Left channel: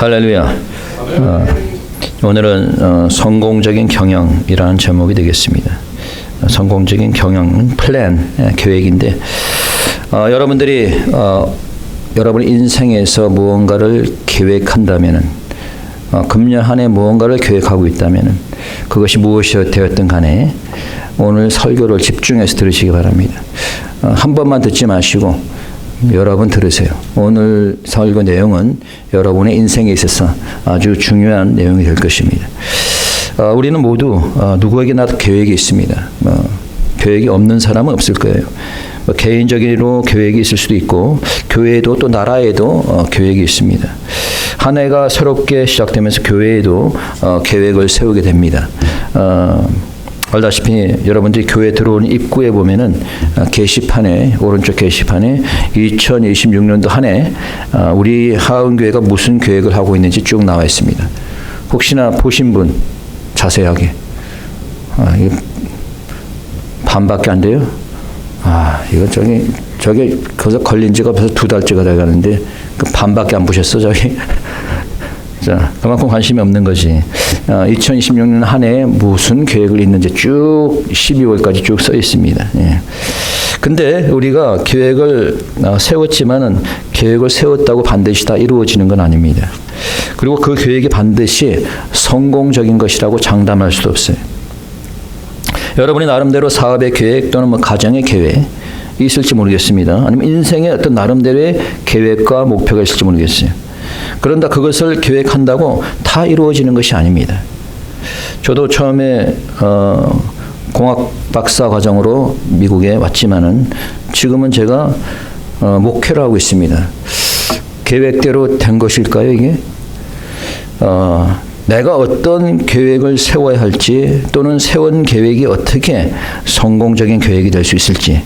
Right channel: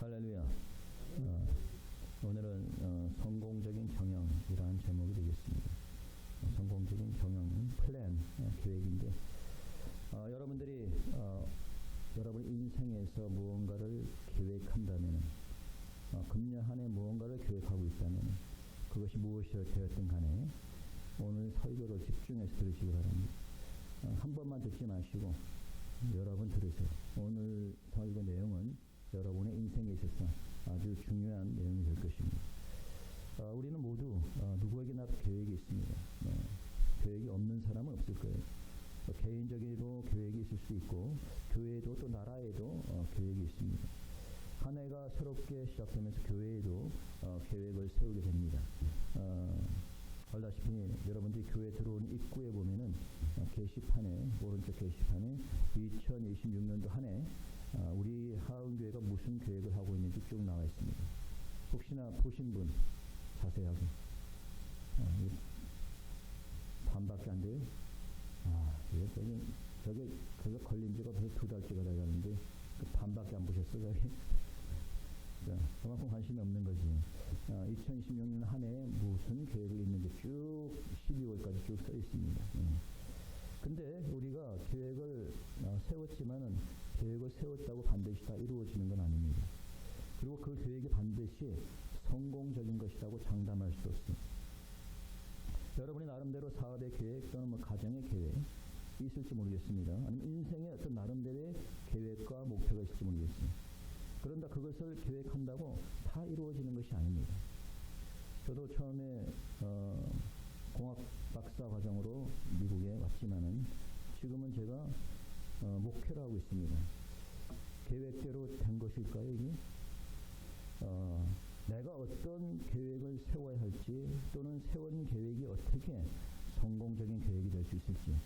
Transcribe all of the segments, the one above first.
할렐루야. 오늘은 성공적인 경영이라는 제목이 되겠습니다. 성공적인 경영은 플랜, 계획인데 여러분들이 여러분 인생에서 무언가를 계획한다면은 금년 한 해 무언가를 계획하고 있다면은 그것이 무엇이 되었든 간에 오늘 설교를 집중해서 들으시기 바랍니다. 한 번만 듣지 마시고 여러분 들으세요. 오늘 설교 내용은 여러분의 인생에 있어서 아주 중요한 내용이 될 것입니다. 우리는 모두 누구에게나 계획이 있습니다. 계획이 없는 사람은 없을 거예요. 개인적으로 계획이 있을 수도 있고 교회에도 또 나라에도 계획이 있습니다. 한 해가 새롭게 시작되면서 교회에도 계획을 세우게 됩니다. 알다시피 여러분들이 교회 들어오는 입구에 보면은 게시판에 오른쪽 게시판에 2026년도 한 해 우리 하은교회가 무슨 계획을 하고 있는지 쭉 나와 있습니다. 혹시나 보신 분 자세하게 이거 반밖에 안 돼요? 이거 저게 거기서 걸린 지가 벌써 2달째가 돼가는데 그 반밖에 안 보셨어 저기? 자, 그만큼 관심이 없는 거지. 2026년 한 해에 무슨 계획을 있는지 쭉 12월까지 쭉 써 있습니다. 예. 근데 우리가 계획을 세웠지만은 계획을 세웠다고 반드시 다 이루어지는 건 아닙니다. 그리고 그 계획이 반드시 성공적인 것이라고 장담할 수도 없어요. 여러분이 나름대로 사업의 계획 또는 가정의 계획 있을지 모르겠습니다. 아니면 인생의 어떤 나름대로의 계획과 목표가 있을지 모르겠어요. 그런다 그것을 계획한다고 다 이루어지는 것이 아닙니다. 저도 처음에 공학 박사 과정으로 미국에 왔지만은 지금은 제가 목회를 하고 있습니다. 계획대로 된 것일까요, 이게? 내가 어떤 계획을 세워야 할지 또는 세운 계획이 어떻게 성공적인 계획이 될 수 있을지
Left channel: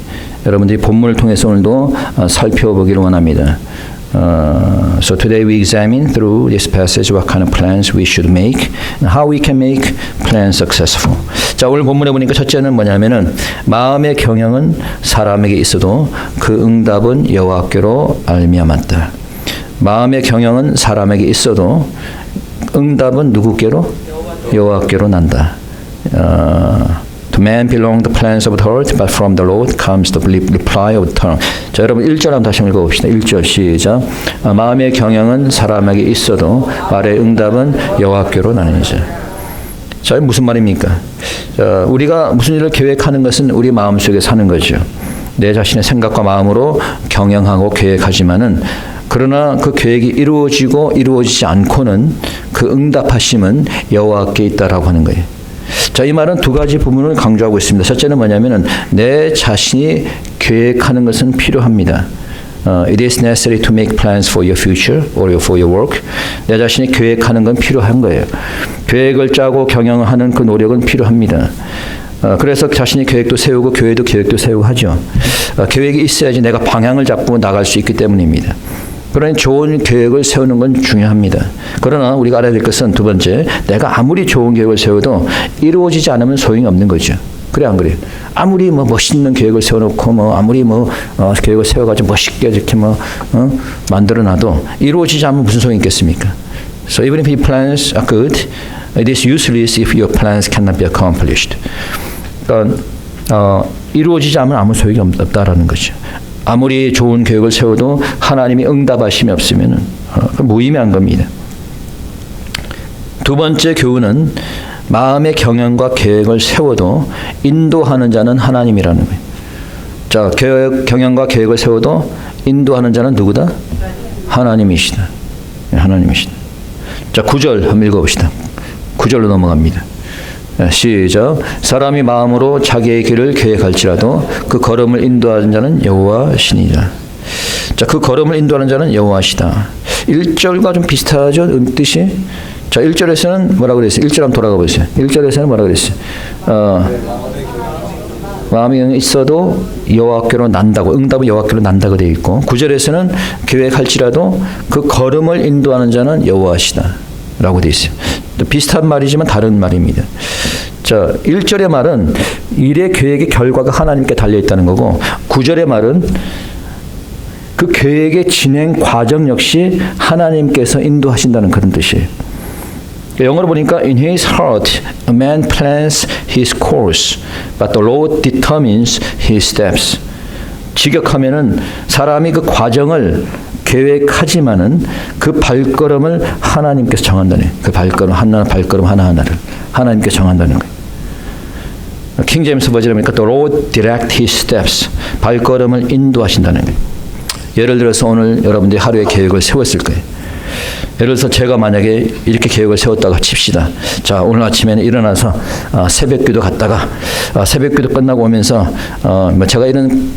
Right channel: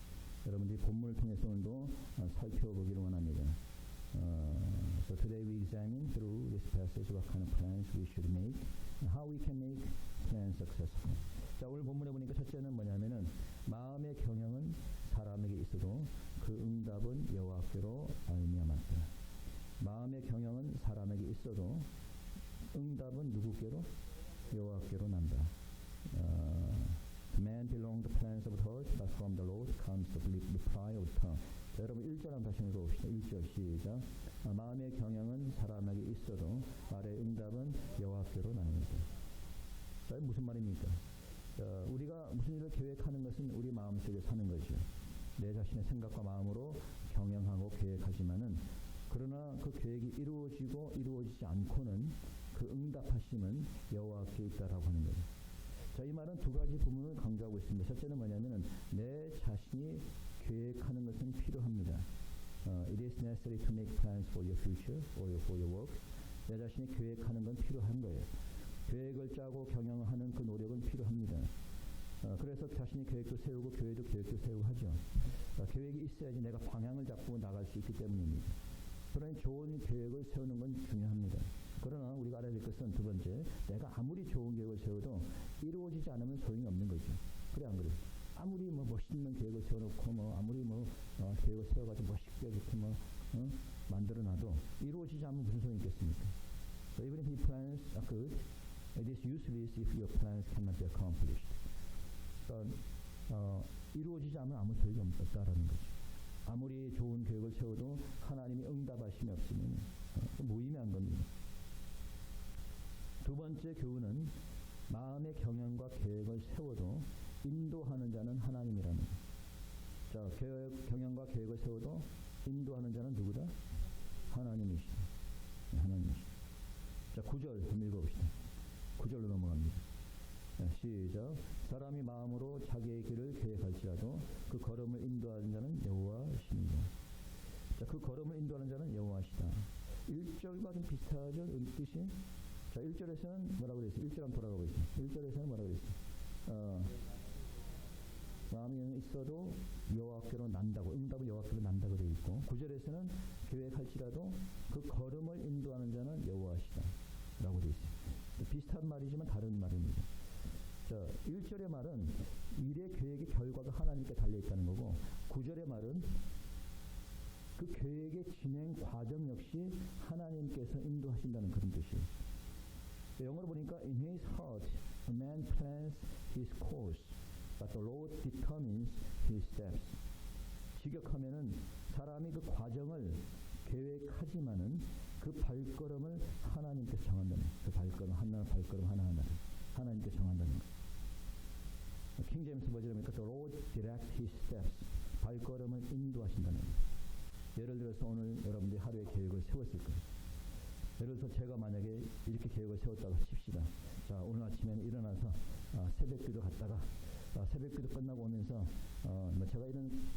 여러분들이 본문을 통해서 오늘도 살펴보기를 원합니다. So today we examine through this passage what kind of plans we should make and how we can make plans successful. 자, 오늘 본문에 보니까 첫째는 뭐냐면은 마음의 경영은 사람에게 있어도 그 응답은 여호와께로 말미암았다. 마음의 경영은 사람에게 있어도 응답은 누구께로? 여호와께로 난다. To man belong the plans of the heart, but from the Lord comes the reply of the tongue. 자, 여러분 1절 한번 다시 한번 읽어봅시다. 1절 시작. 마음의 경영은 사람에게 있어도 말의 응답은 여호와께로 나느니라. 자, 무슨 말입니까? 자, 우리가 무슨 일을 계획하는 것은 우리 마음속에 사는 거죠. 내 자신의 생각과 마음으로 경영하고 계획하지만은 그러나 그 계획이 이루어지고 이루어지지 않고는 그 응답하심은 여호와께 있다라고 하는 거예요. 자, 이 말은 두 가지 부분을 강조하고 있습니다. 첫째는 뭐냐면은 내 자신이 계획하는 것은 필요합니다. It is necessary to make plans for your future or for your work. 내 자신이 계획하는 건 필요한 거예요. 계획을 짜고 경영하는 그 노력은 필요합니다. 그래서 자신이 계획도 세우고 교회도 계획도 세우고 하죠. 계획이 있어야지 내가 방향을 잡고 나갈 수 있기 때문입니다. 그러니 좋은 계획을 세우는 건 중요합니다. 그러나 우리가 알아야 될 것은 두 번째, 내가 아무리 좋은 계획을 세워도 이루어지지 않으면 소용이 없는 거죠. 그래 안 그래요? 아무리 멋있는 계획을 세워놓고 아무리 계획을 세워가지고 멋있게 이렇게 만들어놔도 이루어지지 않으면 무슨 소용이 있겠습니까? So even if your plans are good, it is useless if your plans cannot be accomplished. 그러니까 이루어지지 않으면 아무 소용이 없다라는 거죠. 아무리 좋은 계획을 세워도 하나님이 응답하심이 없으면 무의미한 겁니다. 두 번째 교훈은 마음의 경영과 계획을 세워도 인도하는 자는 하나님이라는 거예요. 자, 경영과 계획을 세워도 인도하는 자는 누구다? 하나님이시다. 하나님이시다. 자, 9절 한번 읽어봅시다. 9절로 넘어갑니다. 시작. 사람이 마음으로 자기의 길을 계획할지라도 그 걸음을 인도하는 자는 여호와시니라. 자, 그 걸음을 인도하는 자는 여호와시다. 1절과 좀 비슷하죠? 뜻이? 자, 1절에서는 뭐라고 그랬어요? 1절 한번 돌아가 보세요. 1절에서는 뭐라고 그랬어요? 마음이 있어도 여호와께로 난다고, 응답은 여호와께로 난다고 되어 있고 9절에서는 계획할지라도 그 걸음을 인도하는 자는 여호와시다 라고 되어 있어요. 또 비슷한 말이지만 다른 말입니다. 자, 1절의 말은 일의 계획의 결과가 하나님께 달려 있다는 거고 9절의 말은 그 계획의 진행 과정 역시 하나님께서 인도하신다는 그런 뜻이에요. 영어로 보니까 in his heart a man plans his course, but the Lord determines his steps. 직역하면은 사람이 그 과정을 계획하지만은 그 발걸음을 하나님께서 정한다는 거예요. 그 발걸음 하나하나를 하나님께서 정한다는 거예요. 킹 제임스 버전에 보니까 The Lord direct his steps. 발걸음을 인도하신다는 거예요. 예를 들어서 오늘 여러분들이 하루의 계획을 세웠을 거예요. 예를 들어서 제가 만약에 이렇게 계획을 세웠다고 칩시다. 자, 오늘 아침에는 일어나서 새벽기도 갔다가 새벽기도 끝나고 오면서 제가 이런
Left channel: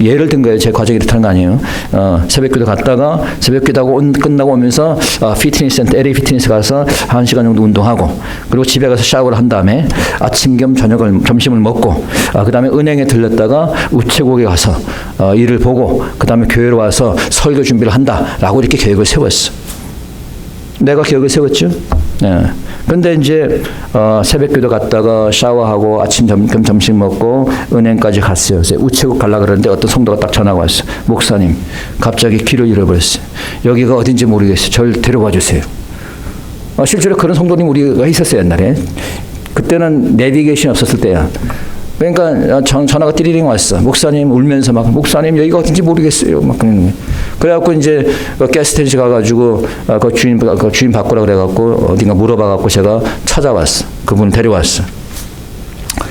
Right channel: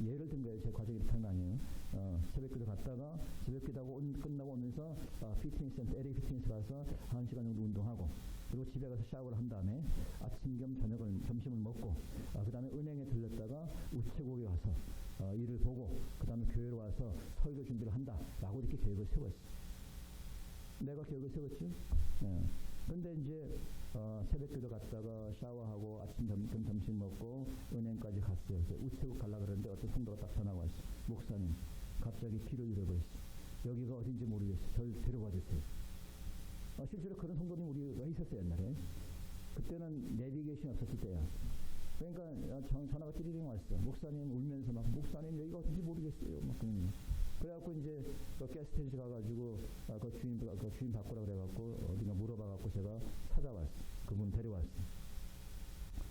예를 든 거예요. 제 과정이 이렇다는 거 아니에요. 새벽기도 갔다가 새벽기도하고 끝나고 오면서 피트니스 센터, LA 피트니스 가서 1시간 정도 운동하고 그리고 집에 가서 샤워를 한 다음에 아침 겸 점심을 먹고 그 다음에 은행에 들렀다가 우체국에 가서 일을 보고 그 다음에 교회로 와서 설교 준비를 한다라고 이렇게 계획을 세웠어. 내가 계획을 세웠죠. 네. 근데 이제 새벽기도 갔다가 샤워하고 아침 점심 먹고 은행까지 갔어요. 그래서 우체국 가려고 그러는데 어떤 성도가 딱 전화가 왔어요. 목사님, 갑자기 길을 잃어버렸어요. 여기가 어딘지 모르겠어요. 저를 데려와 주세요. 실제로 그런 성도님 우리가 있었어요. 옛날에. 그때는 내비게이션 없었을 때야. 그러니까 전화가 띠리링 왔어. 목사님 울면서 막 목사님 여기가 어딘지 모르겠어요. 막 그래갖고 이제 가스스테이션 가가지고 그 주인 바꾸라 그래갖고 어딘가 물어봐갖고 제가 찾아왔어. 그분 데려왔어.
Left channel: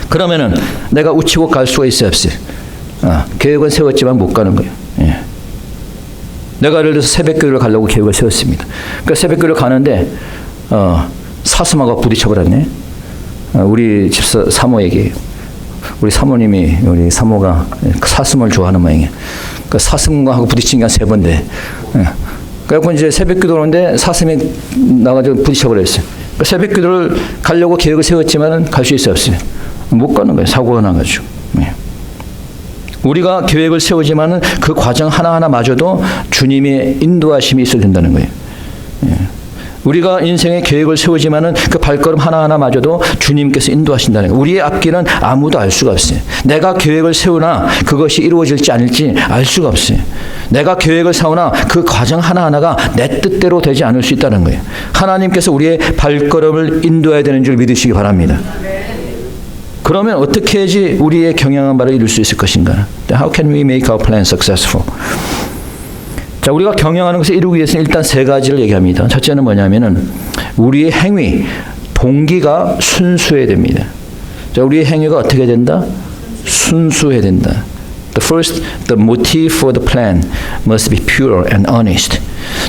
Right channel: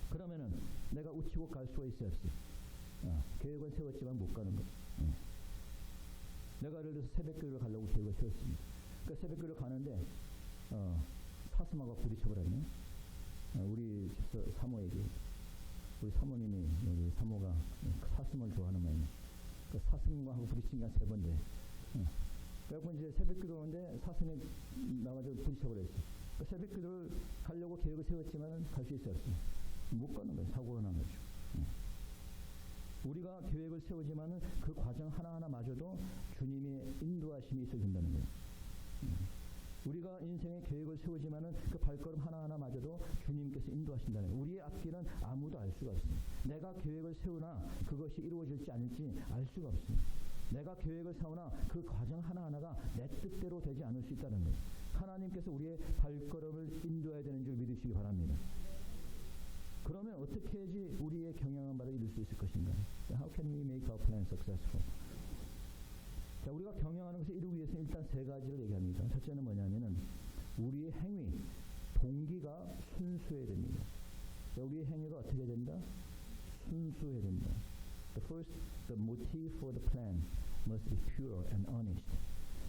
그러면은 내가 우치고 갈 수가 있어요, 없어요? 계획은 세웠지만 못 가는 거예요. 예. 내가 예를 들어서 새벽교회를 가려고 계획을 세웠습니다. 그러니까 새벽교회를 가는데 사슴하고 부딪혀버렸네. 우리 집사 사모에게. 우리 사모님이 우리 사모가 사슴을 좋아하는 모양이에요. 그 사슴과 하고 부딪힌 게 한 3번 돼. 그래갖고 이제 새벽기도 오는데 사슴이 나가지고 부딪혀버렸어요. 그 새벽기도를 가려고 계획을 세웠지만은 갈 수 있어요, 없어요? 못 가는 거예요. 사고가 나가지고. 우리가 계획을 세우지만은 그 과정 하나하나마저도 주님의 인도하심이 있어야 된다는 거예요. 우리가 인생의 계획을 세우지만은 그 발걸음 하나하나마저도 주님께서 인도하신다는 거예요. 우리의 앞길은 아무도 알 수가 없어요. 내가 계획을 세우나 그것이 이루어질지 아닐지 알 수가 없어요. 내가 계획을 세우나 그 과정 하나하나가 내 뜻대로 되지 않을 수 있다는 거예요. 하나님께서 우리의 발걸음을 인도해야 되는 줄 믿으시기 바랍니다. 그러면 어떻게 해야지 우리의 경영한 바를 이룰 수 있을 것인가? How can we make our plan successful? 자, 우리가 경영하는 것을 이루기 위해서는 일단 3가지를 얘기합니다. 첫째는 뭐냐면은 우리의 행위, 동기가 순수해야 됩니다. 자, 우리의 행위가 어떻게 된다? 순수해야 된다. The motive for the plan must be pure and honest.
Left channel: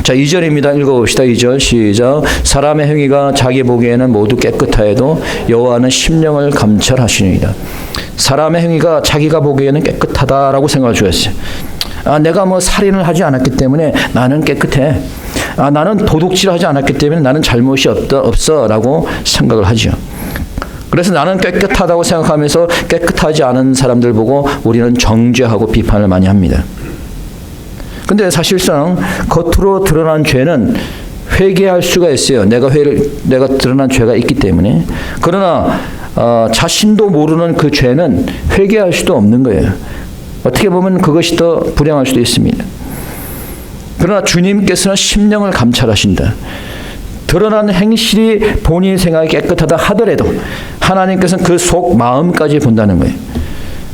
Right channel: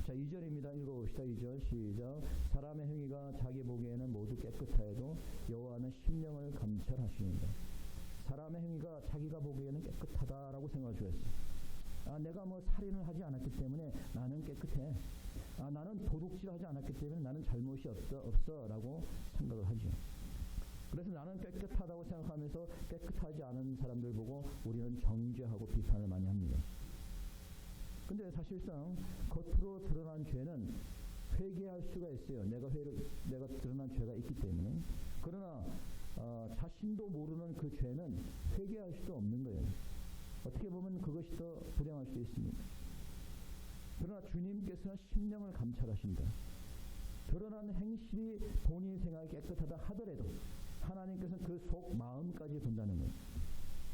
자, 2절입니다. 읽어봅시다. 2절 시작. 사람의 행위가 자기 보기에는 모두 깨끗하여도 여호와는 심령을 감찰하시느니라. 사람의 행위가 자기가 보기에는 깨끗하다라고 생각을 주었어요. 내가 뭐 살인을 하지 않았기 때문에 나는 깨끗해. 나는 도둑질을 하지 않았기 때문에 나는 잘못이 없어라고 생각을 하죠. 그래서 나는 깨끗하다고 생각하면서 깨끗하지 않은 사람들 보고 우리는 정죄하고 비판을 많이 합니다. 근데 사실상 겉으로 드러난 죄는 회개할 수가 있어요. 내가 드러난 죄가 있기 때문에. 그러나 자신도 모르는 그 죄는 회개할 수도 없는 거예요. 어떻게 보면 그것이 더 불행할 수도 있습니다. 그러나 주님께서는 심령을 감찰하신다. 드러난 행실이 본인 생각이 깨끗하다 하더라도 하나님께서는 그 속 마음까지 본다는 거예요.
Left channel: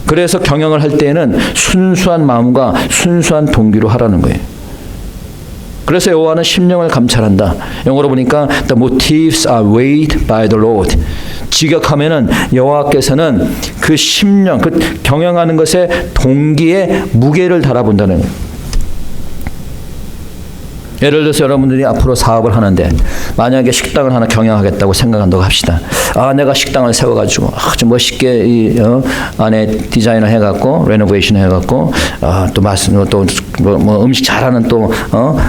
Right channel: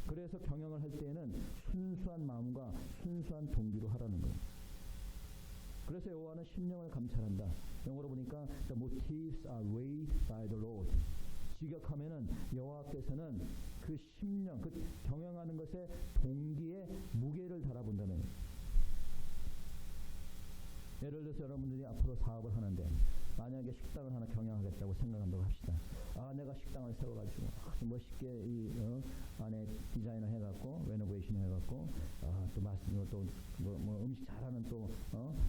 그래서 경영을 할 때에는 순수한 마음과 순수한 동기로 하라는 거예요. 그래서 여호와는 심령을 감찰한다. 영어로 보니까 the motives are weighed by the Lord. 직역하면은 여호와께서는 그 심령, 그 경영하는 것에 동기에 무게를 달아본다는 거예요. 예를 들어서 여러분들이 앞으로 사업을 하는데 만약에 식당을 하나 경영하겠다고 생각한다고 합시다. 내가 식당을 세워가지고 아주 멋있게 안에 디자인을 해갖고 레노베이션 해갖고 또 음식 잘하는 또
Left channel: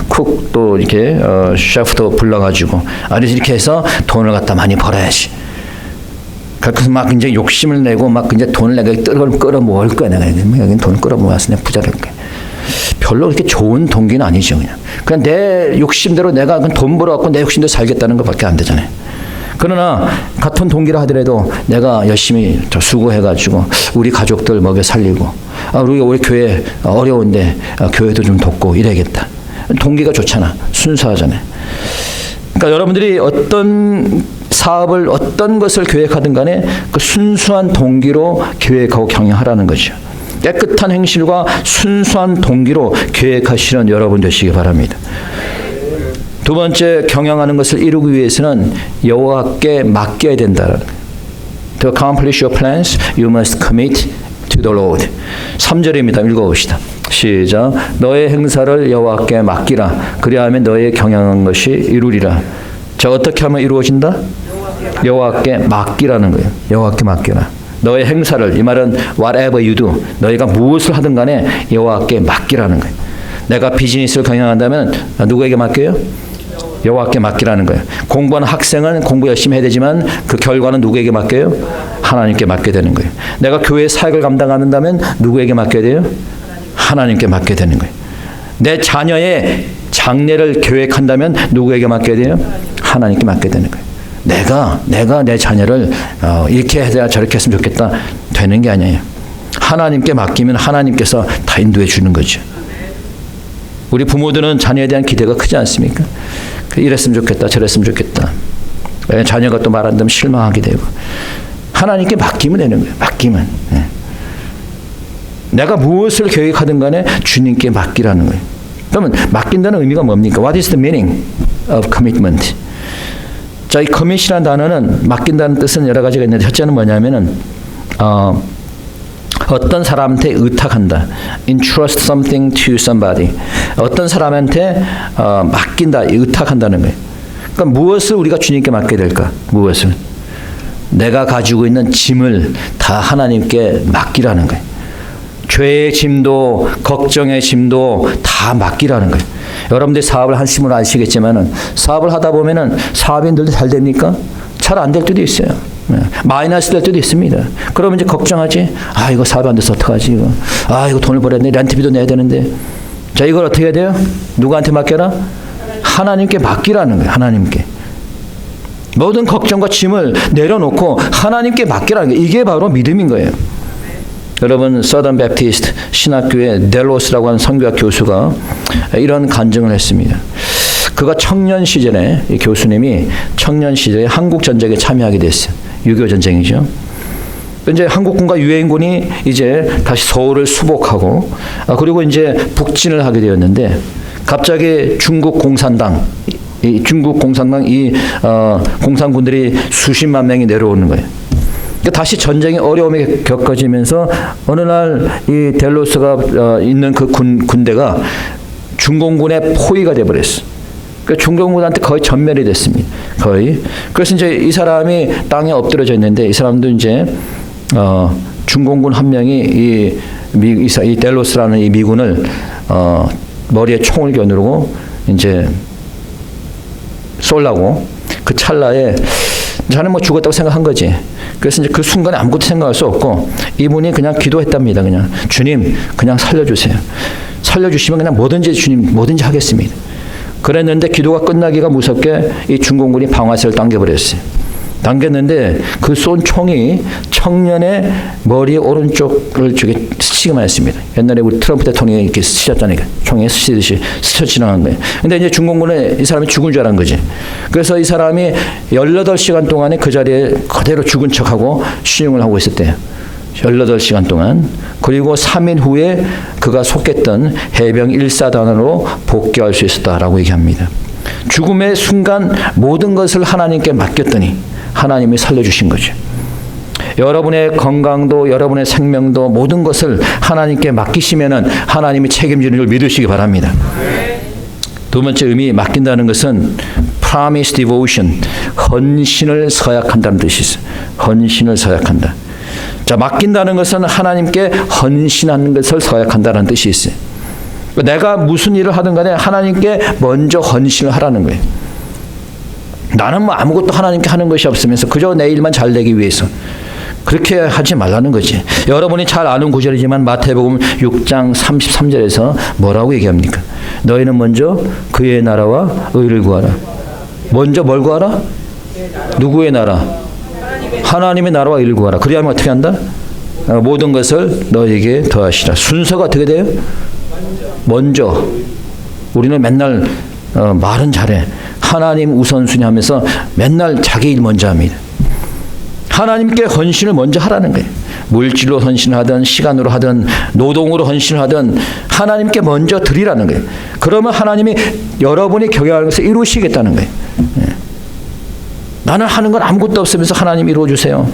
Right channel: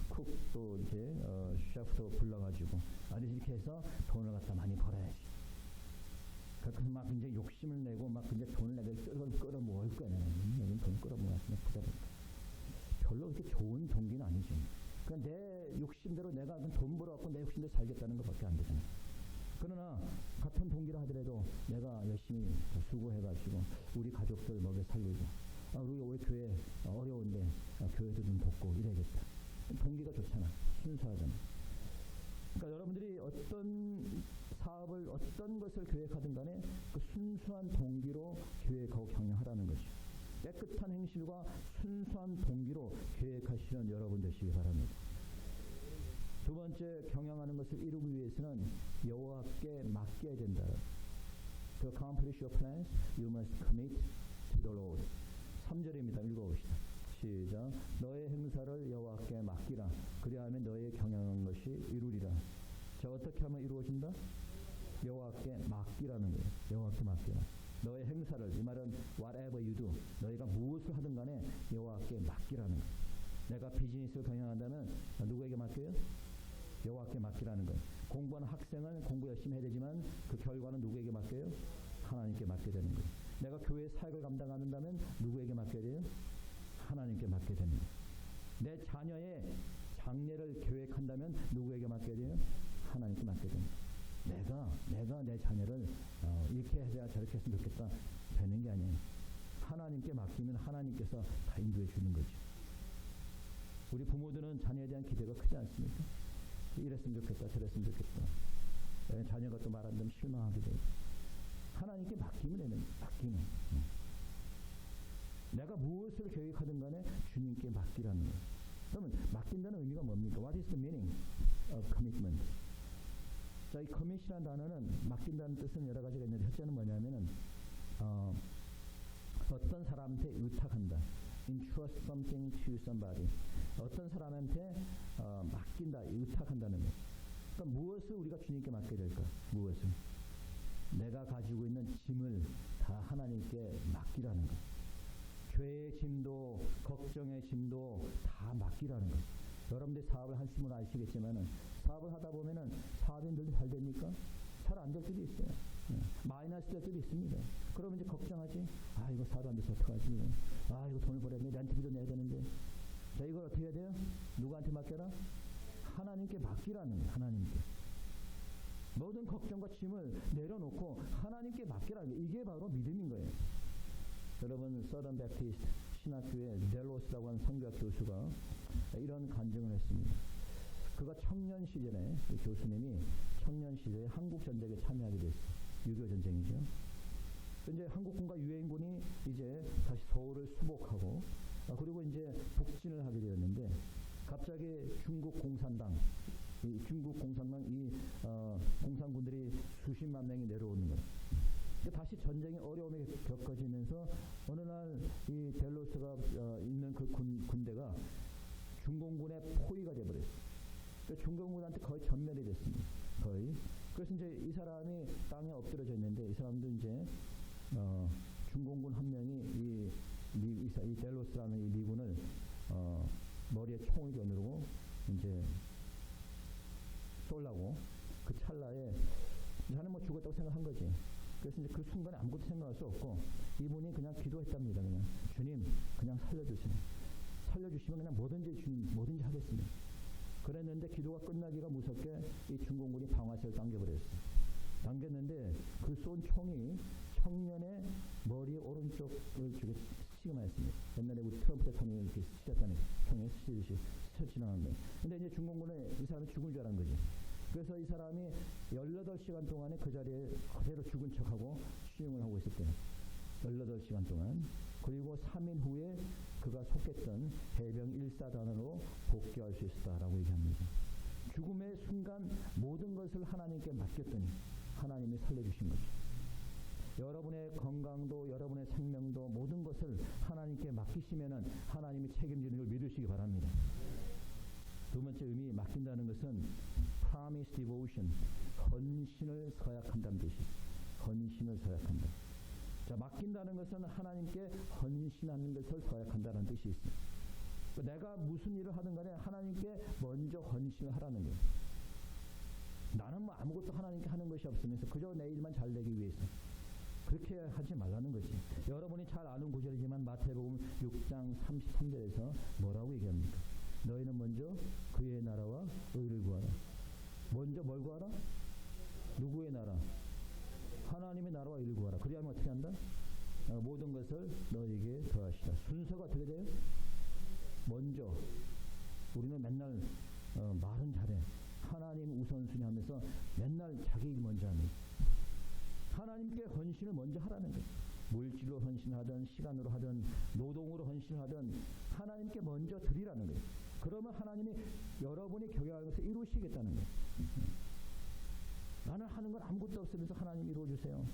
쿡 또 이렇게 셰프도 불러가지고 그래서 이렇게 해서 돈을 갖다 많이 벌어야지. 그래서 막 이제 욕심을 내고 막 이제 돈을 내가 끌어모을 거야. 내가 여기 돈을 끌어모아서 내가 부자 될 거야. 별로 그렇게 좋은 동기는 아니죠. 그냥 내 욕심대로 내가 돈 벌어갖고 내 욕심대로 살겠다는 것밖에 안 되잖아요. 그러나 같은 동기라 하더라도 내가 열심히 수고해가지고 우리 가족들 먹여 살리고 우리 교회 어려운데 교회도 좀 돕고 이래야겠다. 동기가 좋잖아. 순수하잖아요. 그러니까 여러분들이 어떤 사업을 어떤 것을 계획하든 간에 그 순수한 동기로 계획하고 경영하라는 거죠. 깨끗한 행실과 순수한 동기로 계획하시는 여러분 되시기 바랍니다. 두 번째, 경영하는 것을 이루기 위해서는 여호와께 맡겨야 된다는 거예요. To accomplish your plans, you must commit to the Lord. 3절입니다. 읽어봅시다. 시작. 너의 행사를 여호와께 맡기라. 그리하면 너의 경영한 것이 이루리라. 자, 어떻게 하면 이루어진다? 여호와께 맡기라는 거예요. 여호와께 맡기라. 너의 행사를, 이 말은 whatever you do, 너희가 무엇을 하든 간에 여호와께 맡기라는 거예요. 내가 비즈니스를 경영한다면 누구에게 맡겨요? 여호와께 맡기라는 거예요. 공부하는 학생은 공부 열심히 해야 되지만 그 결과는 누구에게 맡겨요? 하나님께 맡게 되는 거예요. 내가 교회 사역을 감당한다면 누구에게 맡겨야 돼요? 하나님께 맡게 되는 거예요. 내 자녀의 장래를 계획한다면 누구에게 맡겨야 돼요? 하나님께 맡게 되는 거예요. 내가 내 자녀를 이렇게 해야 저렇게 했으면 좋겠다 되는 게 아니에요. 하나님께 맡기면 하나님께서 다 인도해 주는 거죠. 우리 부모들은 자녀에 대한 기대가 크지 않습니까? 이랬으면 좋겠다, 저랬으면 좋겠다. 자녀가 또 말한다면 실망하게 되고. 하나님께 맡기면 되는 거예요. 맡기면. 내가 무엇을 계획하든 간에 주님께 맡기라는 거예요. 그러면 맡긴다는 의미가 뭡니까? What is the meaning of commitment? 자, 이 commit이라는 단어는 맡긴다는 뜻은 여러 가지가 있는데 첫째는 뭐냐면은 어떤 사람한테 의탁한다. Entrust something to somebody. 어떤 사람한테 맡긴다, 의탁한다는 거예요. 그러니까 무엇을 우리가 주님께 맡게 될까? 무엇을? 내가 가지고 있는 짐을 다 하나님께 맡기라는 거예요. 죄의 짐도 걱정의 짐도 다 맡기라는 거예요. 여러분들이 사업을 하시면 아시겠지만은 사업을 하다 보면은 사업이 늘 잘 됩니까? 잘 안 될 때도 있어요. 마이너스 될 때도 있습니다. 그러면 이제 걱정하지. 이거 사업이 안 돼서 어떡하지 이거. 이거 돈을 벌어야 돼. 렌트비도 내야 되는데. 자, 이걸 어떻게 해야 돼요? 누구한테 맡겨라? 하나님께 맡기라는 거예요. 하나님께. 모든 걱정과 짐을 내려놓고 하나님께 맡기라는 거예요. 이게 바로 믿음인 거예요. 여러분, 서던 베프티스트 신학교의 델로스라고 하는 선교학 교수가 이런 간증을 했습니다. 그가 청년 시절에, 이 교수님이 청년 시절에 한국 전쟁에 참여하게 됐어요. 6.25 전쟁이죠. 이제 한국군과 유엔군이 이제 다시 서울을 수복하고 그리고 이제 북진을 하게 되었는데 갑자기 중국 공산당 이 공산군들이 수십만 명이 내려오는 거예요. 그러니까 다시 전쟁의 어려움이 겪어지면서 어느 날 이 델로스가 있는 그 군대가 중공군의 포위가 돼버렸어. 그러니까 중공군한테 거의 전멸이 됐습니다. 거의. 그래서 이제 이 사람이 땅에 엎드려져 있는데 이 사람도 이제 중공군 한 명이 이 델로스라는 이 미군을 머리에 총을 겨누르고 이제 쏠라고 그 찰나에 자는 뭐 죽었다고 생각한 거지. 그래서 이제 그 순간에 아무것도 생각할 수 없고 이분이 그냥 기도했답니다. 그냥 주님 그냥 살려주세요. 살려주시면 그냥 뭐든지 주님 뭐든지 하겠습니다. 그랬는데 기도가 끝나기가 무섭게 이 중공군이 방아쇠를 당겨버렸어요. 당겼는데 그 쏜 총이 청년의 머리 오른쪽을 저기 스치기만 했습니다. 옛날에 우리 트럼프 대통령이 이렇게 스쳤잖아요. 총에 스치듯이 스쳐 지나간 거예요. 근데 이제 중공군은 이 사람이 죽은 줄 알은 거지. 그래서 이 사람이 18시간 동안에 그 자리에 그대로 죽은 척하고 시용을 하고 있었대요. 18시간 동안. 그리고 3일 후에 그가 속했던 해병 1사단으로 복귀할 수 있었다라고 얘기합니다. 죽음의 순간 모든 것을 하나님께 맡겼더니 하나님이 살려주신 거죠. 여러분의 건강도 여러분의 생명도 모든 것을 하나님께 맡기시면은 하나님이 책임지는 줄 믿으시기 바랍니다. 두 번째 의미 맡긴다는 것은 promise devotion, 헌신을 서약한다는 뜻이 있어요. 헌신을 서약한다. 자, 맡긴다는 것은 하나님께 헌신하는 것을 서약한다는 뜻이 있어요. 내가 무슨 일을 하든 간에 하나님께 먼저 헌신을 하라는 거예요. 나는 뭐 아무것도 하나님께 하는 것이 없으면서 그저 내 일만 잘 되기 위해서 그렇게 하지 말라는 거지. 여러분이 잘 아는 구절이지만 마태복음 6장 33절에서 뭐라고 얘기합니까? 너희는 먼저 그의 나라와 의를 구하라. 먼저 뭘 구하라? 누구의 나라? 하나님의 나라와 일을 구하라. 그리하면 어떻게 한다? 모든 것을 너에게 더하시라. 순서가 어떻게 돼요? 먼저. 우리는 맨날 말은 잘해. 하나님 우선순위 하면서 맨날 자기 일 먼저 합니다. 하나님께 헌신을 먼저 하라는 거예요. 물질로 헌신하든 시간으로 하든 노동으로 헌신하든 하나님께 먼저 드리라는 거예요. 그러면 하나님이 여러분이 경영하는 것을 이루시겠다는 거예요. 나는 하는 건 아무것도 없으면서 하나님 이루어주세요.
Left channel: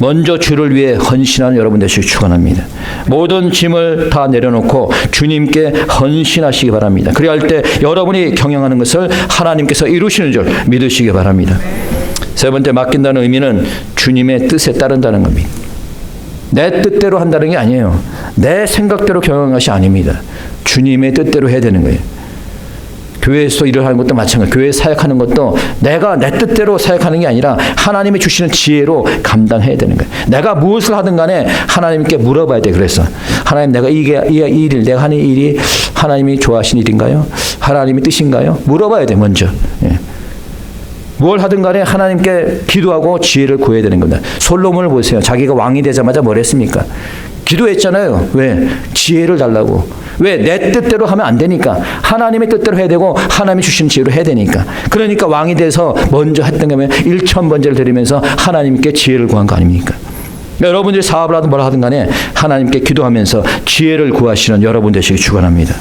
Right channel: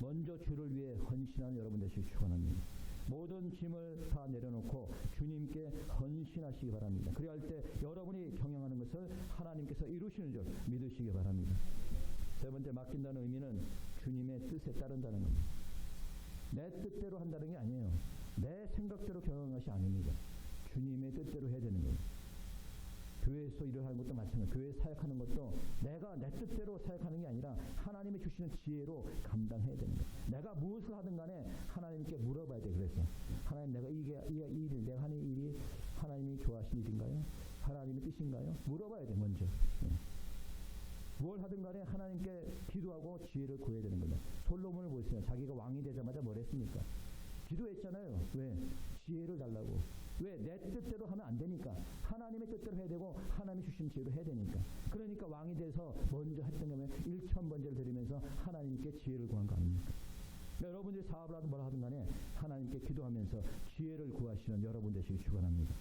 먼저 주를 위해 헌신하는 여러분 되시기 축원합니다. 모든 짐을 다 내려놓고 주님께 헌신하시기 바랍니다. 그리할 때 여러분이 경영하는 것을 하나님께서 이루시는 줄 믿으시기 바랍니다. 세 번째, 맡긴다는 의미는 주님의 뜻에 따른다는 겁니다. 내 뜻대로 한다는 게 아니에요. 내 생각대로 경영하는 것이 아닙니다. 주님의 뜻대로 해야 되는 거예요. 교회에서 일을 하는 것도 마찬가지예요. 교회에 사역하는 것도 내가 내 뜻대로 사역하는 게 아니라 하나님이 주시는 지혜로 감당해야 되는 거예요. 내가 무엇을 하든 간에 하나님께 물어봐야 돼. 그래서 하나님, 내가 이 일을 내가 하는 일이 하나님이 좋아하시는 일인가요? 하나님의 뜻인가요? 물어봐야 돼. 먼저. 예. 뭘 하든 간에 하나님께 기도하고 지혜를 구해야 되는 겁니다. 솔로몬을 보세요. 자기가 왕이 되자마자 뭘 했습니까? 기도했잖아요. 왜? 지혜를 달라고. 왜? 내 뜻대로 하면 안 되니까. 하나님의 뜻대로 해야 되고 하나님이 주신 지혜로 해야 되니까. 그러니까 왕이 돼서 먼저 했던 거면 1000번제를 드리면서 하나님께 지혜를 구한 거 아닙니까? 여러분들이 사업을 하든 뭘 하든 간에 하나님께 기도하면서 지혜를 구하시는 여러분 되시기 축원합니다.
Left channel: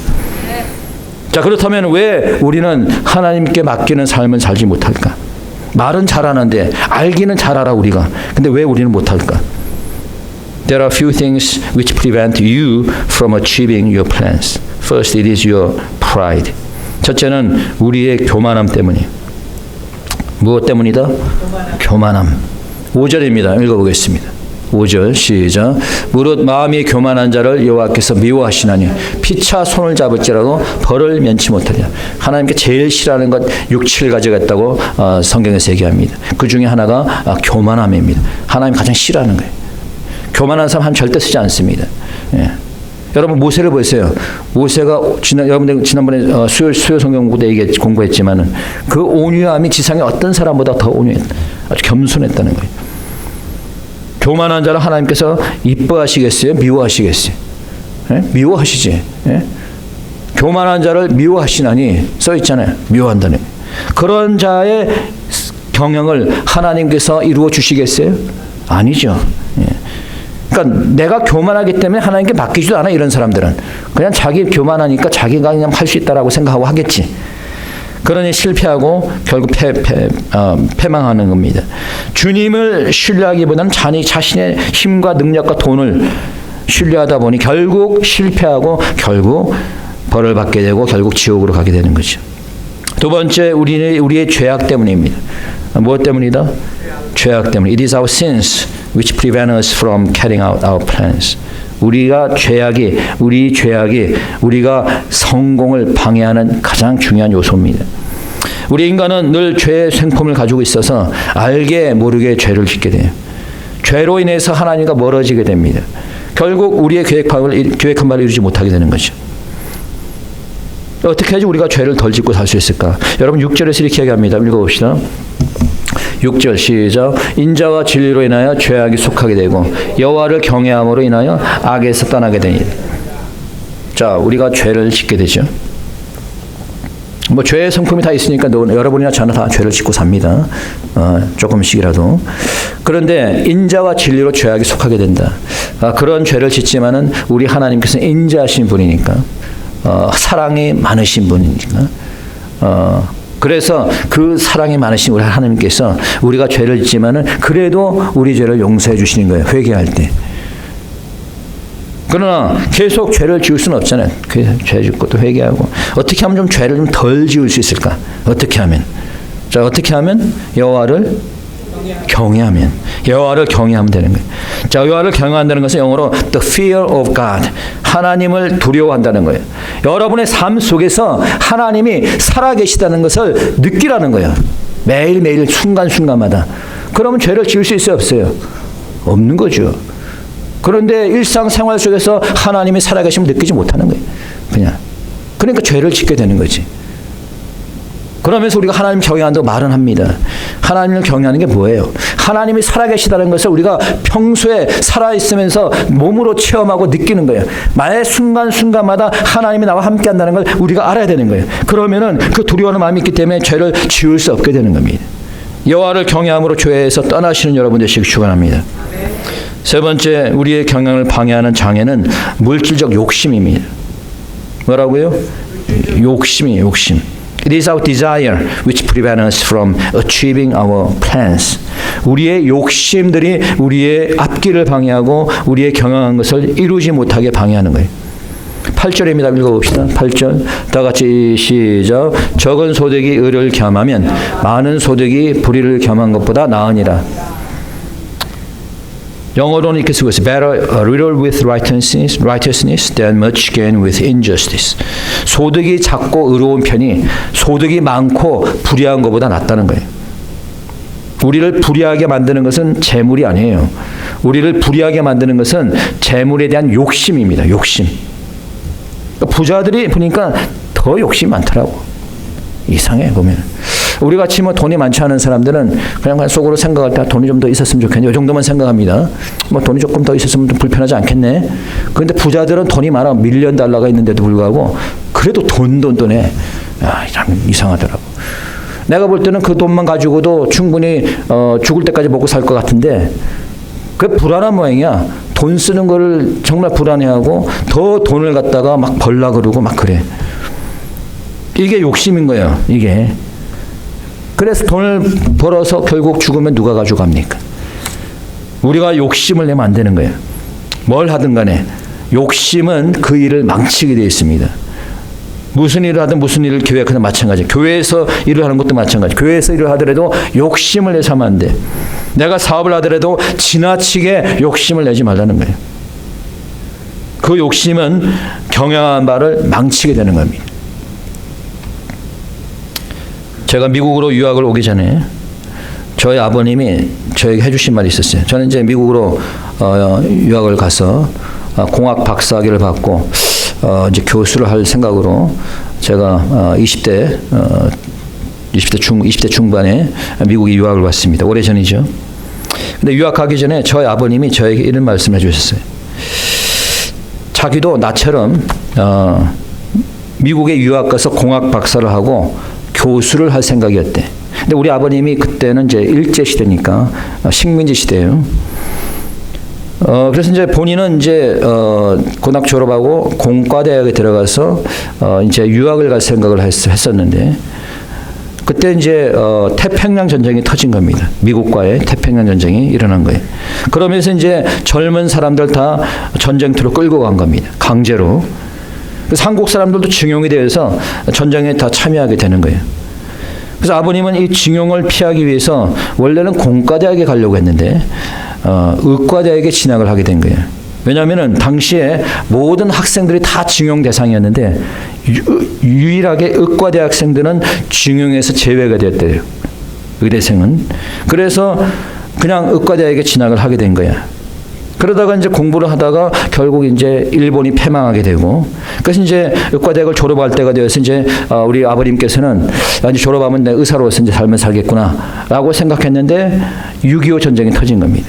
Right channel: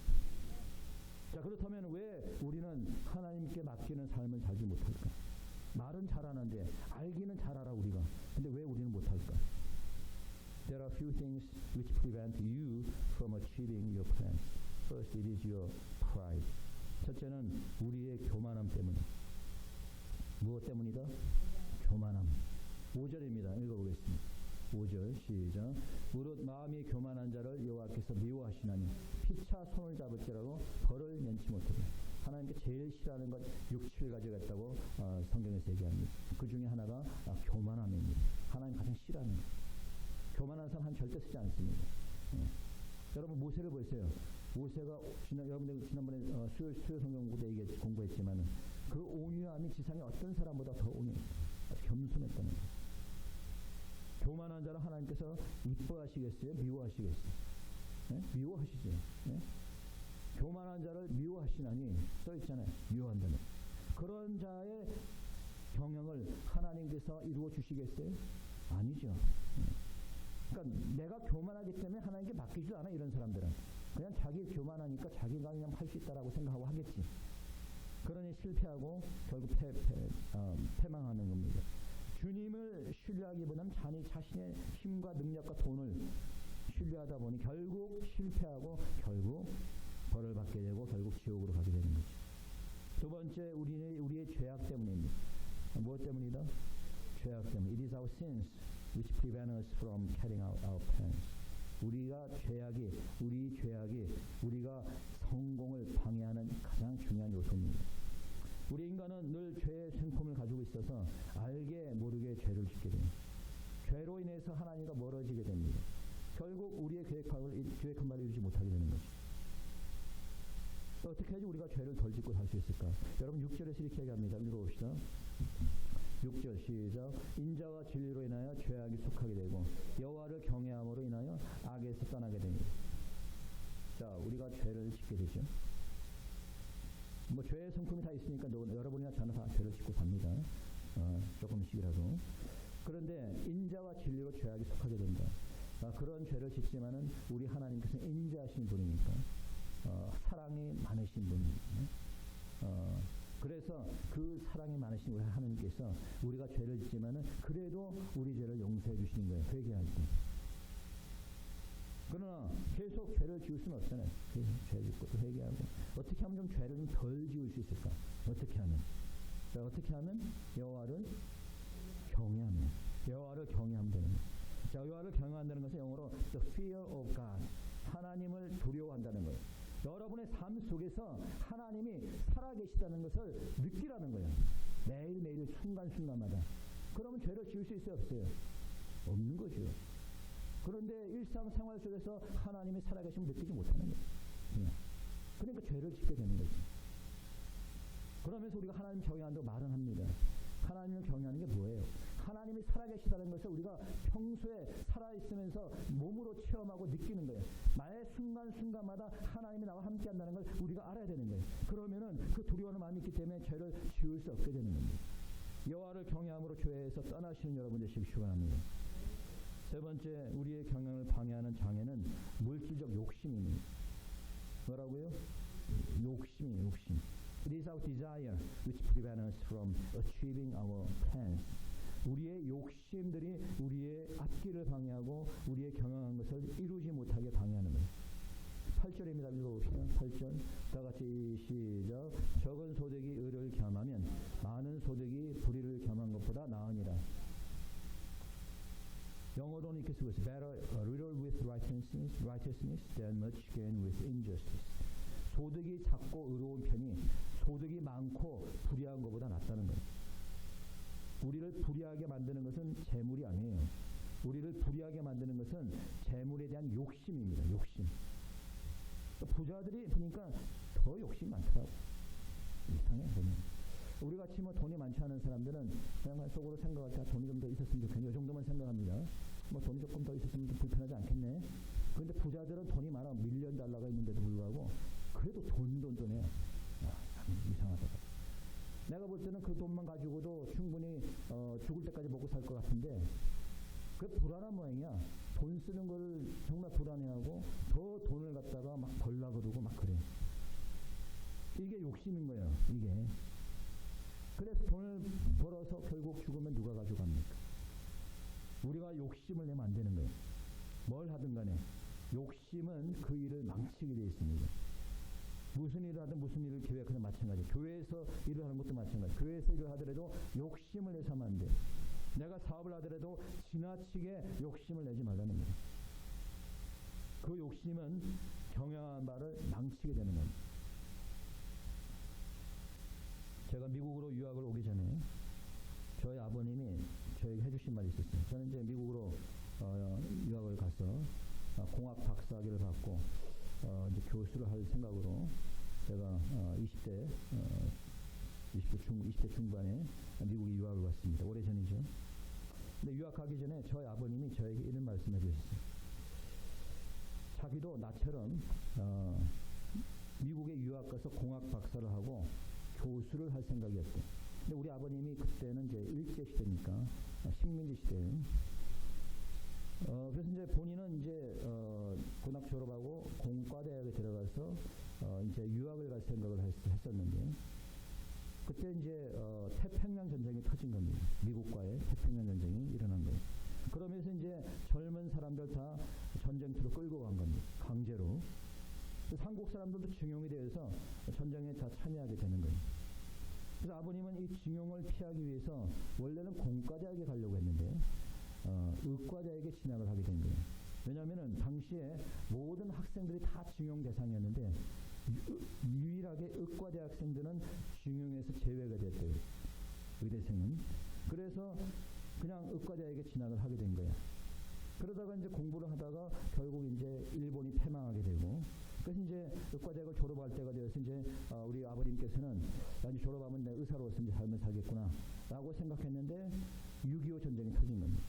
자, 그렇다면 왜 우리는 하나님께 맡기는 삶을 살지 못할까? 말은 잘하는데 알기는 잘 알아 우리가. 근데 왜 우리는 못할까? There are few things which prevent you from achieving your plans. First, it is your pride. 첫째는 우리의 교만함 때문이에요. 무엇 때문이다? 교만함. 5절입니다. 읽어보겠습니다. 5절 시작. 무릇 마음이 교만한 자를 여호와께서 미워하시나니 피차 손을 잡을지라도 벌을 면치 못하리라. 하나님께 제일 싫어하는 것 6, 7가지가 있다고 성경에서 얘기합니다. 그 중에 하나가 교만함입니다. 하나님 가장 싫어하는 거예요. 교만한 사람 절대 쓰지 않습니다. 예. 여러분 모세를 보세요. 모세가 여러분들 지난번에 수요 성경 공부 때 공부했지만은 그 온유함이 지상의 어떤 사람보다 더 온유했다. 아주 겸손했다는 거예요. 교만한 자를 하나님께서 이뻐하시겠어요? 미워하시겠어요? 예? 미워하시지. 예? 교만한 자를 미워하시나니 써 있잖아요. 미워한다는 거예요. 그런 자의 경영을 하나님께서 이루어 주시겠어요? 아니죠. 예. 그러니까 내가 교만하기 때문에 하나님께 맡기지도 않아. 이런 사람들은 그냥 자기 교만하니까 자기가 그냥 할 수 있다라고 생각하고 하겠지. 그러니 실패하고 결국 패망하는 겁니다. 주님을 신뢰하기보다는 자신의 힘과 능력과 돈을 신뢰하다 보니 결국 실패하고 결국 벌을 받게 되고 결국 지옥으로 가게 되는 거죠. 두 번째, 우리의 죄악 때문입니다. 무엇 때문이다? 죄악 때문에. It is our sins which prevent us from carrying out our plans. 우리 죄악이 우리가 성공을 방해하는 가장 중요한 요소입니다. 우리 인간은 늘 죄의 생품을 가지고 있어서 알게 모르게 죄를 짓게 돼요. 죄로 인해서 하나님과 멀어지게 됩니다. 결국 우리의 계획한 바를 이루지 못하게 되는 거죠. 어떻게 해야지 우리가 죄를 덜 짓고 살 수 있을까? 여러분 6절에서 이렇게 얘기합니다. 읽어봅시다. 6절 시작. 인자와 진리로 인하여 죄악이 속하게 되고 여호와를 경외함으로 인하여 악에서 떠나게 되니. 자, 우리가 죄를 짓게 되죠. 뭐 죄의 성품이 다 있으니까 여러분이나 저는 다 죄를 짓고 삽니다. 조금씩이라도. 그런데 인자와 진리로 죄악이 속하게 된다. 그런 죄를 짓지만은 우리 하나님께서는 인자하신 분이니까, 사랑이 많으신 분이니까. 그래서 그 사랑이 많으신 우리 하나님께서 우리가 죄를 짓지만은 그래도 우리 죄를 용서해 주시는 거예요. 회개할 때. 그러나 계속 죄를 지을 수는 없잖아요. 죄 짓고 또 회개하고. 어떻게 하면 좀 죄를 좀 덜 지을 수 있을까? 어떻게 하면? 자, 어떻게 하면? 여호와를 경외하면. 여호와를 경외하면 되는 거예요. 자, 여호와를 경외한다는 것은 영어로 the fear of God. 하나님을 두려워한다는 거예요. 여러분의 삶 속에서 하나님이 살아계시다는 것을 느끼라는 거예요. 매일매일 순간순간마다. 그러면 죄를 지을 수 있어요? 없어요? 없는 거죠. 그런데 일상생활 속에서 하나님이 살아계심을 느끼지 못하는 거예요. 그러니까 죄를 짓게 되는 거지. 그러면서 우리가 하나님 경외한다고 말은 합니다. 하나님을 경외하는 게 뭐예요? 하나님이 살아계시다는 것을 우리가 평소에 살아있으면서 몸으로 체험하고 느끼는 거예요. 매 순간순간마다 하나님이 나와 함께 한다는 걸 우리가 알아야 되는 거예요. 그러면은 그 두려워하는 마음이 있기 때문에 죄를 지을 수 없게 되는 겁니다. 여호와를 경외함으로 죄에서 떠나시는 여러분 되시길 축원합니다. 세 번째, 우리의 경영을 방해하는 장애는 물질적 욕심입니다. 뭐라고요? 욕심이에요, 욕심. It is our desire which prevents us from achieving our plans. 우리의 욕심들이 우리의 앞길을 방해하고 우리의 경영한 것을 이루지 못하게 방해하는 거예요. 8절입니다. 읽어봅시다. 8절. 다 같이 시작. 적은 소득이 의를 겸하면 많은 소득이 불의를 겸한 것보다 나으니라. 영어로는 이렇게 쓰고 있어요. Better a little with righteousness than much gain with injustice. 소득이 작고 의로운 편이 소득이 많고 불의한 것보다 낫다는 거예요. 우리를 불의하게 만드는 것은 재물이 아니에요. 우리를 불의하게 만드는 것은 재물에 대한 욕심입니다. 욕심. 부자들이 보니까 더 욕심이 많더라고. 이상해 보면. 우리 같이 뭐 돈이 많지 않은 사람들은 그냥 속으로 생각할 때 돈이 좀 더 있었으면 좋겠네. 이 정도만 생각합니다. 뭐 돈이 조금 더 있었으면 좀 불편하지 않겠네. 그런데 부자들은 돈이 많아. 밀리언 달러가 있는데도 불구하고 그래도 돈해. 참 이상하더라고. 내가 볼 때는 그 돈만 가지고도 충분히 죽을 때까지 먹고 살 것 같은데 그게 불안한 모양이야. 돈 쓰는 거를 정말 불안해하고 더 돈을 갖다가 막 벌라 그러고 막 그래. 이게 욕심인 거예요. 이게. 그래서 돈을 벌어서 결국 죽으면 누가 가져갑니까? 우리가 욕심을 내면 안 되는 거예요. 뭘 하든 간에 욕심은 그 일을 망치게 되어 있습니다. 무슨 일을 하든 무슨 일을 계획하든 마찬가지예요. 교회에서 일을 하는 것도 마찬가지. 교회에서 일을 하더라도 욕심을 내서 하면 안 돼. 내가 사업을 하더라도 지나치게 욕심을 내지 말라는 거예요. 그 욕심은 경영한 바를 망치게 되는 겁니다. 제가 미국으로 유학을 오기 전에 저희 아버님이 저에게 해주신 말이 있었어요. 저는 이제 미국으로 유학을 가서 공학 박사학위를 받고 이제 교수를 할 생각으로 제가 20대 중반에 미국에 유학을 왔습니다. 오래전이죠. 근데 유학 가기 전에 저희 아버님이 저에게 이런 말씀을 해주셨어요. 자기도 나처럼 미국에 유학 가서 공학 박사를 하고 교수를 할 생각이었대. 근데 우리 아버님이 그때는 이제 일제 시대니까 식민지 시대예요. 그래서 이제 본인은 이제 고등학교 졸업하고 공과대학에 들어가서 이제 유학을 갈 생각을 했었는데 그때 이제 태평양 전쟁이 터진 겁니다. 미국과의 태평양 전쟁이 일어난 거예요. 그러면서 이제 젊은 사람들 다 전쟁터로 끌고 간 겁니다. 강제로. 그래서 한국 사람들도 징용이 되어서 전쟁에 다 참여하게 되는 거예요. 그래서 아버님은 이 징용을 피하기 위해서 원래는 공과대학에 가려고 했는데 의과대학에 진학을 하게 된 거예요. 왜냐하면 당시에 모든 학생들이 다 징용 대상이었는데 유일하게 의과대학생들은 징용에서 제외가 되었대요. 의대생은. 그래서 그냥 의과대학에 진학을 하게 된 거야. 그러다가 이제 공부를 하다가 결국 이제 일본이 패망하게 되고, 그래서 이제 의과대학을 졸업할 때가 되어서 이제 우리 아버님께서는 이제 졸업하면 내 의사로서 이제 삶을 살겠구나라고 생각했는데 6.25 전쟁이 터진 겁니다.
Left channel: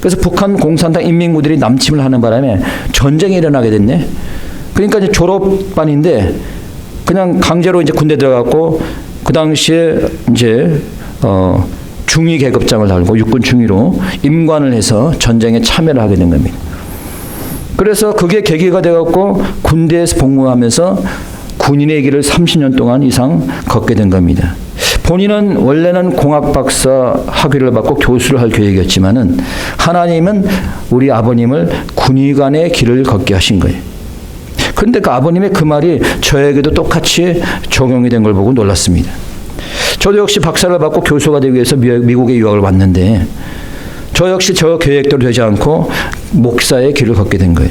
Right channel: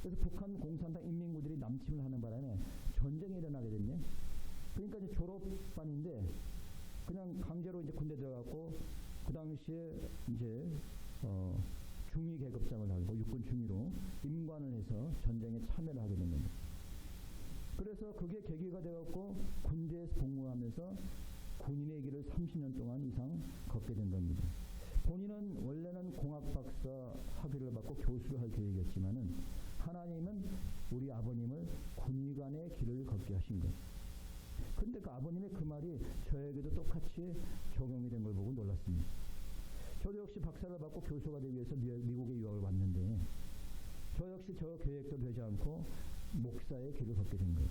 그래서 북한 공산당 인민군들이 남침을 하는 바람에 전쟁이 일어나게 됐네. 그러니까 이제 졸업반인데 그냥 강제로 이제 군대 들어갔고 그 당시에 이제 중위 계급장을 달고 육군 중위로 임관을 해서 전쟁에 참여를 하게 된 겁니다. 그래서 그게 계기가 돼갖고 군대에서 복무하면서 군인의 길을 30년 동안 이상 걷게 된 겁니다. 본인은 원래는 공학 박사 학위를 받고 교수를 할 계획이었지만은 하나님은 우리 아버님을 군의관의 길을 걷게 하신 거예요. 그런데 그 아버님의 그 말이 저에게도 똑같이 적용이 된 걸 보고 놀랐습니다. 저도 역시 박사를 받고 교수가 되기 위해서 미국에 유학을 왔는데 저 역시 저 계획대로 되지 않고 목사의 길을 걷게 된 거예요.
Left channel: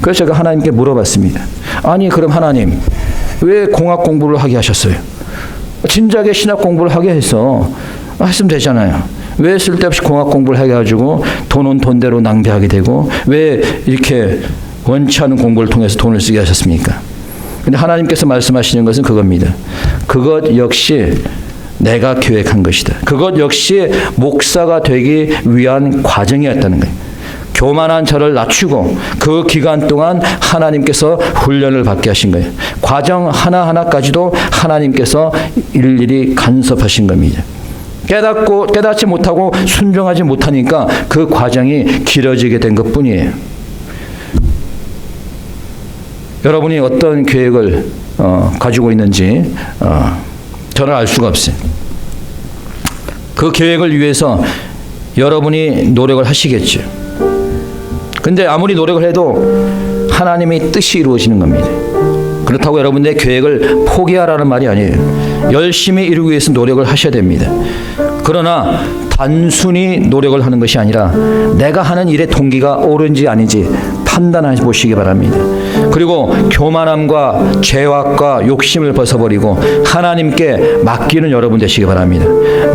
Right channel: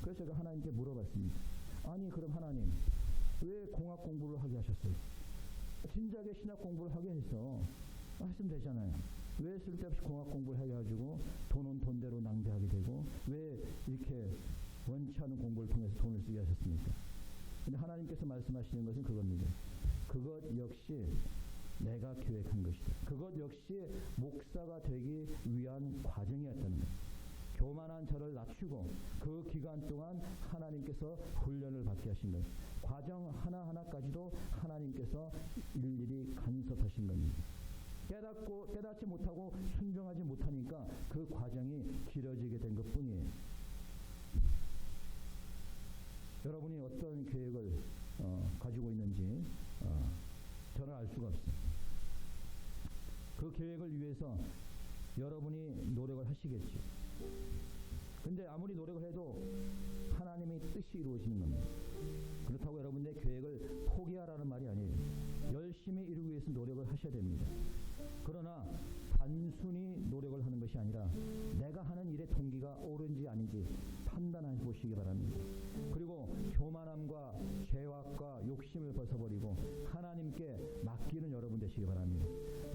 그래서 제가 하나님께 물어봤습니다. 아니 그럼 하나님 왜 공학 공부를 하게 하셨어요? 진작에 신학 공부를 하게 해서 했으면 되잖아요. 왜 쓸데없이 공학 공부를 해가지고 돈은 돈대로 낭비하게 되고 왜 이렇게 원치 않은 공부를 통해서 돈을 쓰게 하셨습니까? 근데 하나님께서 말씀하시는 것은 그겁니다. 그것 역시 내가 계획한 것이다. 그것 역시 목사가 되기 위한 과정이었다는 거예요. 교만한 저를 낮추고 그 기간 동안 하나님께서 훈련을 받게 하신 거예요. 과정 하나하나까지도 하나님께서 일일이 간섭하신 겁니다. 깨닫지 못하고 순종하지 못하니까 그 과정이 길어지게 된 것뿐이에요. 여러분이 어떤 계획을 가지고 있는지 저는 알 수가 없어요. 그 계획을 위해서 여러분이 노력을 하시겠죠. 근데 아무리 노력을 해도 하나님의 뜻이 이루어지는 겁니다. 그렇다고 여러분의 계획을 포기하라는 말이 아니에요. 열심히 이루기 위해서 노력을 하셔야 됩니다. 그러나 단순히 노력을 하는 것이 아니라 내가 하는 일의 동기가 옳은지 아닌지 판단해 보시기 바랍니다. 그리고 교만함과 죄악과 욕심을 벗어버리고 하나님께 맡기는 여러분 되시기 바랍니다.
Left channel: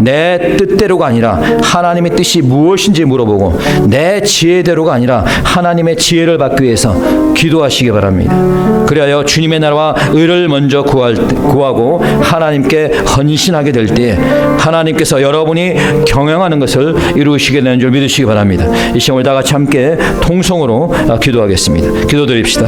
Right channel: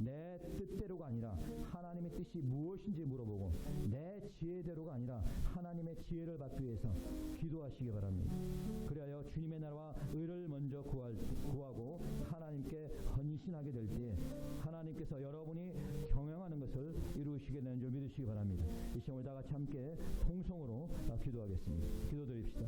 내 뜻대로가 아니라 하나님의 뜻이 무엇인지 물어보고 내 지혜대로가 아니라 하나님의 지혜를 받기 위해서 기도하시기 바랍니다. 그리하여 주님의 나라와 의를 먼저 구하고 하나님께 헌신하게 될 때 하나님께서 여러분이 경영하는 것을 이루시게 되는 줄 믿으시기 바랍니다. 이 시간 우리 다 같이 함께 통성으로 기도하겠습니다. 기도드립시다.